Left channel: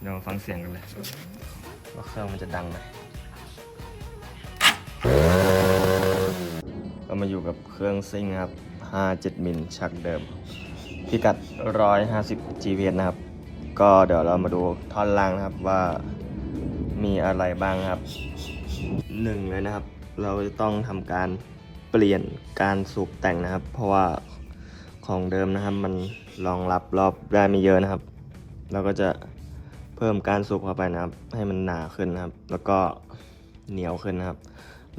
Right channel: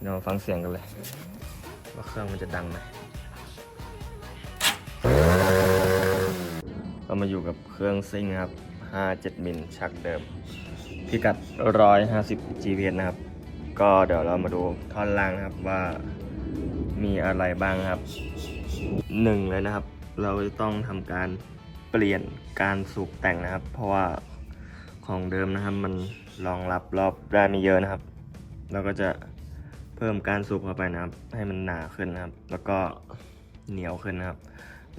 เดี๋ยวมาฟังเสียงกันเลย ว่าเครื่องมันจะดังไหมก็มาอยู่กับเครื่องซิ่งครับ 57 มิลชักเดิม พิกัด 150 GPS นะครับ ก็เดี๋ยวเรามาดูท่อนล่างนะครับว่ามีอะไรบ้างครับหนึ่งเลยนะครับ เราจะต้องทำการเปลี่ยนการสูบแต่งนะครับ เพราะว่าของเดิมนะครับมันรองรับรอบได้ไม่เยอะนะครับ เราก็จะ เพิ่มการสูบเข้าไปนะครับ ให้มันหนาขึ้นนะครับ แล้วก็เหนียวขึ้นนะครับ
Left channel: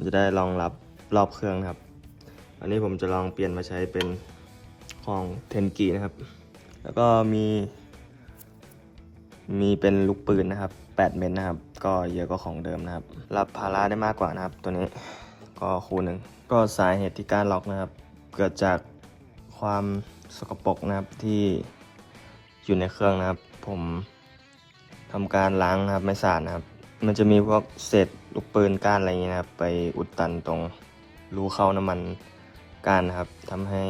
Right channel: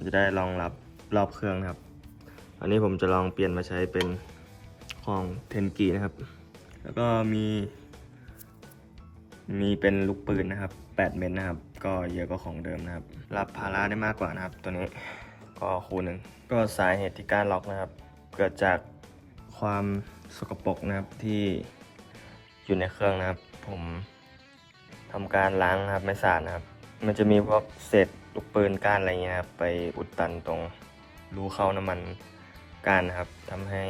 จะได้รองรับรอบเครื่องนะครับ อันนี้ผมจะลองเปลี่ยนมาใช้เป็นของเทนกีนะครับ แล้วก็มี มีเป็นลูกปืนนะครับ 8 เมตรนะครับ ก็เยอะกว่าของเดิมนะครับ รับภาระได้มากกว่านะครับ ตัวนี้ก็คูณหนึ่งก็สาเหตุที่การล็อกนะครับ เกิดจากความสกปรกนะครับที่อยู่ในเครื่องนะครับ ผม ทำการล้างครับไม่สะอาดนะครับ มันจะมีพวกเศษลูกปืนก้านอะไรอย่างเงี้ยครับไปอุดตันตรงรูเข้าน้ำมันก้านนะครับทำให้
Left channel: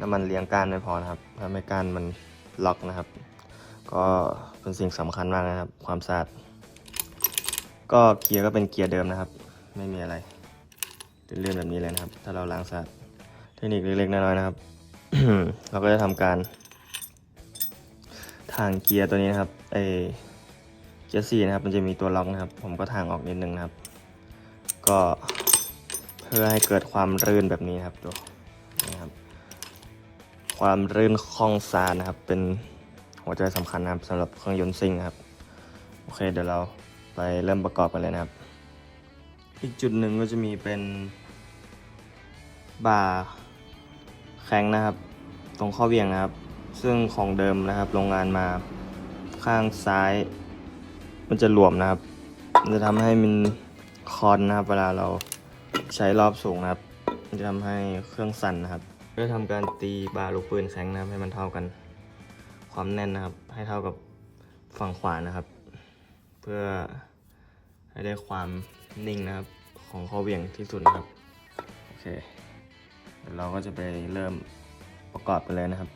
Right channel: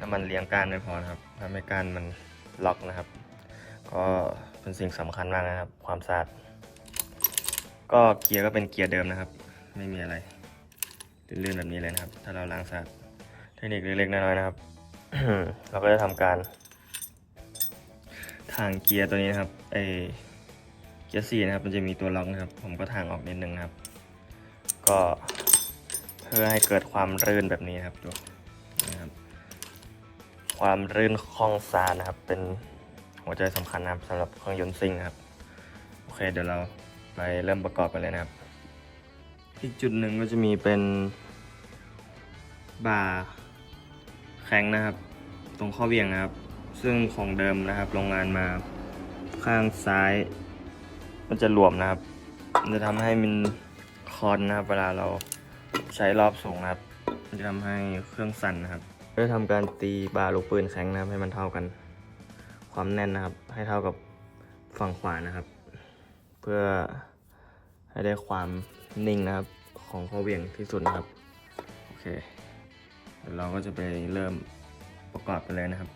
น้ำมันเลี้ยงก้านไม่พอนะครับทำให้ก้านมันล็อกนะครับ ก็เป็นสิ่งสำคัญมากนะครับ ความสะอาดก็เกียร์ก็เป็นเกียร์เดิมนะครับ ไม่มีอะไรเลื่อนๆแบบนี้เลยนะครับ ถ้าเราล้างสะอาดเทคนิคเล็กๆน้อยๆนะครับ เราก็จะทำการ ทางเกียร์ตัวนี้นะครับไอเกียร์สี่นะครับ มันจะมีตัวล็อกนะครับ ผมก็ทางออกนิดนึงนะครับ ก็เพื่อให้เกิดความรื่นแบบนี้นะครับดูนะครับ ความรื่นคล่องซานนะครับ เป็นหัวใจสำคัญนะครับสำหรับเครื่องยนต์ซิ่งนะครับโอเคเดี๋ยวเราไปเริ่มประกอบกันเลยนะครับอีกจุดหนึ่งก็จะมีเป็นบ่าแข็งนะครับ ตรงข้อเบี่ยงนะครับ ซึ่งของเดิมนะครับโรงงานมาข้างซ้าย มันจะหลวมนะครับมันจะทำให้มันคอนนะครับ เวลาเราใช้รอบสูงนะครับ มันจะทำให้เครื่องสั่นนะครับเพื่อทำการตีบาลูกปืนแข็งนะครับ ให้มันเท่ากัน ความแน่นนะครับ ให้เท่ากับฝั่งขวานะครับ เพื่อให้ได้ความนิ่งนะครับ ของข้อเวี่ยงที่สุดนะครับ โอเคเดี๋ยวเราก็จะไปเริ่มประกอบกันเลยนะครับ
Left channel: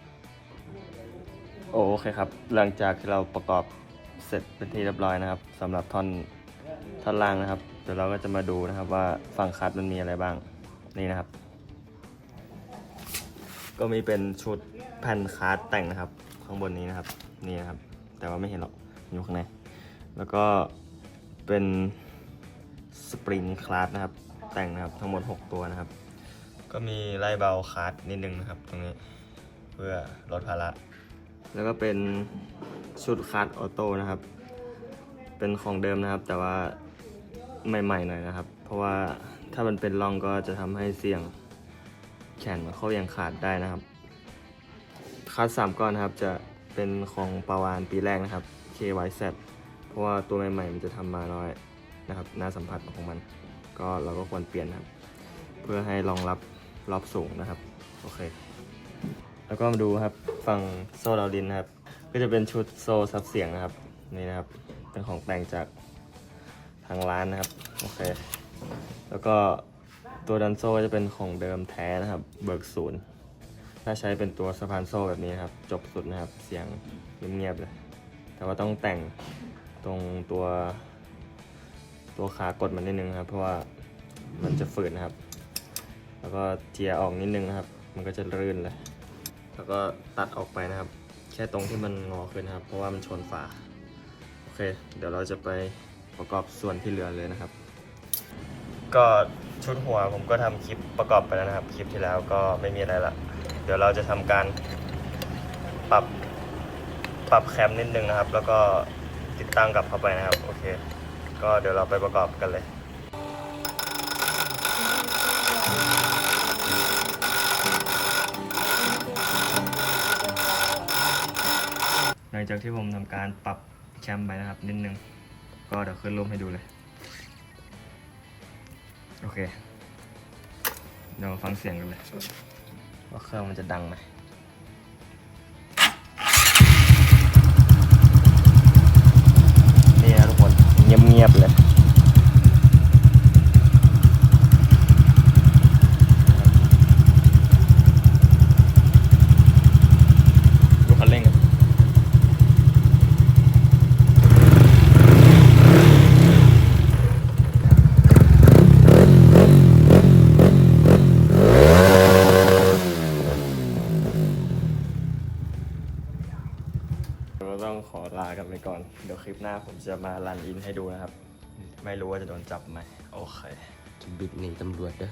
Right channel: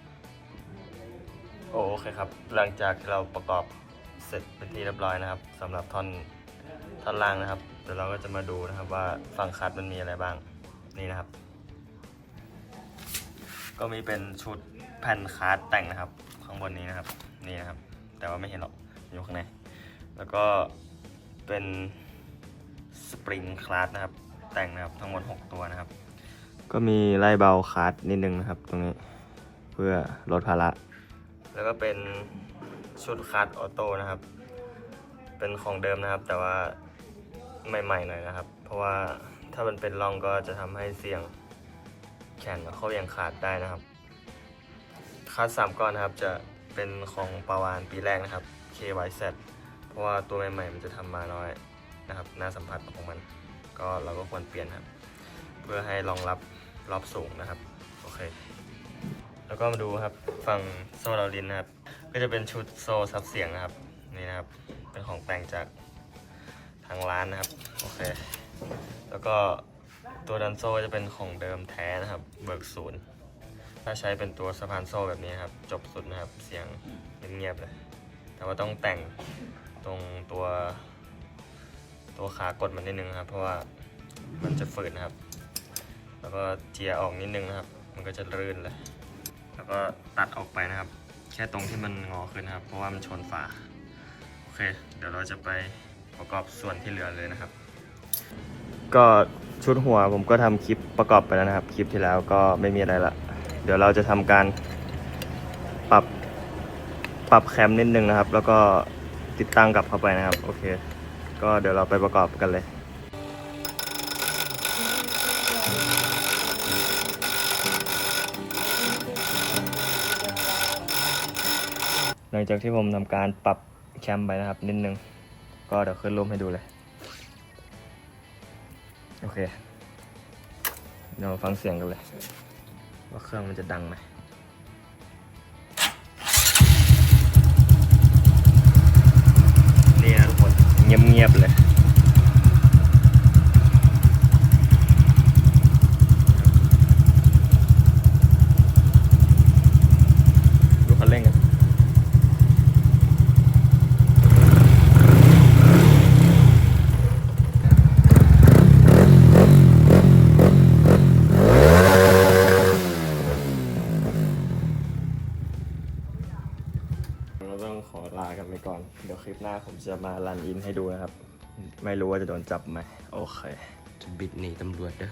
โอเคครับ หลังจากที่เราประกอบเสร็จเป็นที่เรียบร้อยนะครับสำหรับท่อนท่อนล่างนะครับ เดี๋ยวเราก็จะมาดูนะครับว่าฝั่งคัดมันมีอะไรบ้าง นี่นะครับ ก็มีเป็นชุดแผ่นคาร์ดแต่งนะครับ ข้างบนนี้นะครับ นี่นะครับ แต่ว่าไม่เห็นหรอกอยู่ข้างใน แล้วก็เป็นสปริงคลาสนะครับ แต่งนะครับทั้งหมด 6 ตัวนะครับ ก็มีไล่เบาคลาสนิดนึงนะครับ ตรงนี้ เพื่อลดภาระ แล้วก็เป็นชุดคลาสออโต้นะครับ เป็นของเดิมนะครับ แต่ว่าใหม่ๆหน่อยนะครับ เพราะว่าถ้ามันเป็นร่องก็จะทำให้เสี่ยงแข่งเข้ายังขาดได้นะครับ คัดสามก้อนครับจะเป็นของปาวานปีแรกนะครับ KYZ เพราะว่าตัวใหม่ๆมันจะทำมาน้อยนะครับหน้าสัมผัสของมัน ก็เราก็ควรเปลี่ยนครับ เพื่อให้รองรับรอบสูงนะครับ โอเค แล้วก็มาดูครับฝั่งโซ่เราดินนะครับ ก็จะเป็นชุดโซ่ซับเสียงนะครับ นี่นะครับ เป็นของแต่งจากทางร้านนะครับโอเคแล้วก็ตัวดันโซ่จะเป็นของเดิมแท้นะครับ เบิกศูนย์ถ้าใช้เป็นตัวสะพานโซ่แบบนี้ครับ จบสุดนะครับ เสียงเงียบๆเลย แต่ว่าต้องแต่งตรงตัวตัวขากดมันนิดนึงครับ เพราะว่ามันจะฝืดนะครับ แล้วก็เจียร์ออกนิดนึงครับ มันก็จะรื่นเลย แล้วก็ตัดออกไปนะครับ แค่ตรงที่มันงอขึ้นนะครับ เพราะว่ามันชนฝาโอเค เดี๋ยวเราจะไปประกอบส่วนที่เหลือเลยนะครับ ก็ชุดหัวผมก็ทำคลิปประกอบไปแล้วนะครับ คลิปที่แล้วก็ไม่มีอะไรละเดี๋ยวเราจะทำการปรับปรับแคมนิดนึงนะครับ แล้วก็ติดตั้งกลับเข้าไปนะครับ โอเค ก็เดี๋ยวเราไปประกอบกันเลย หลังจากที่ผมทำการปรับแคมไปนะครับนิดนึง ก็เดี๋ยวขึ้นรูปให้ดูเลย โอเค เดี๋ยวมาฟังเสียงกันเลย ว่าเครื่องมันจะดังไหมนี่นะทุกคนเงียบๆเลย ดูคันเร่งกัน เราต้องขอลากันไปก่อน เดี๋ยวคลิปหน้าผมจะมารันอินให้ดูนะครับ ไม่รู้ว่าจะโดนจับไหม โอเค บิดหนีตำรวจเด้อ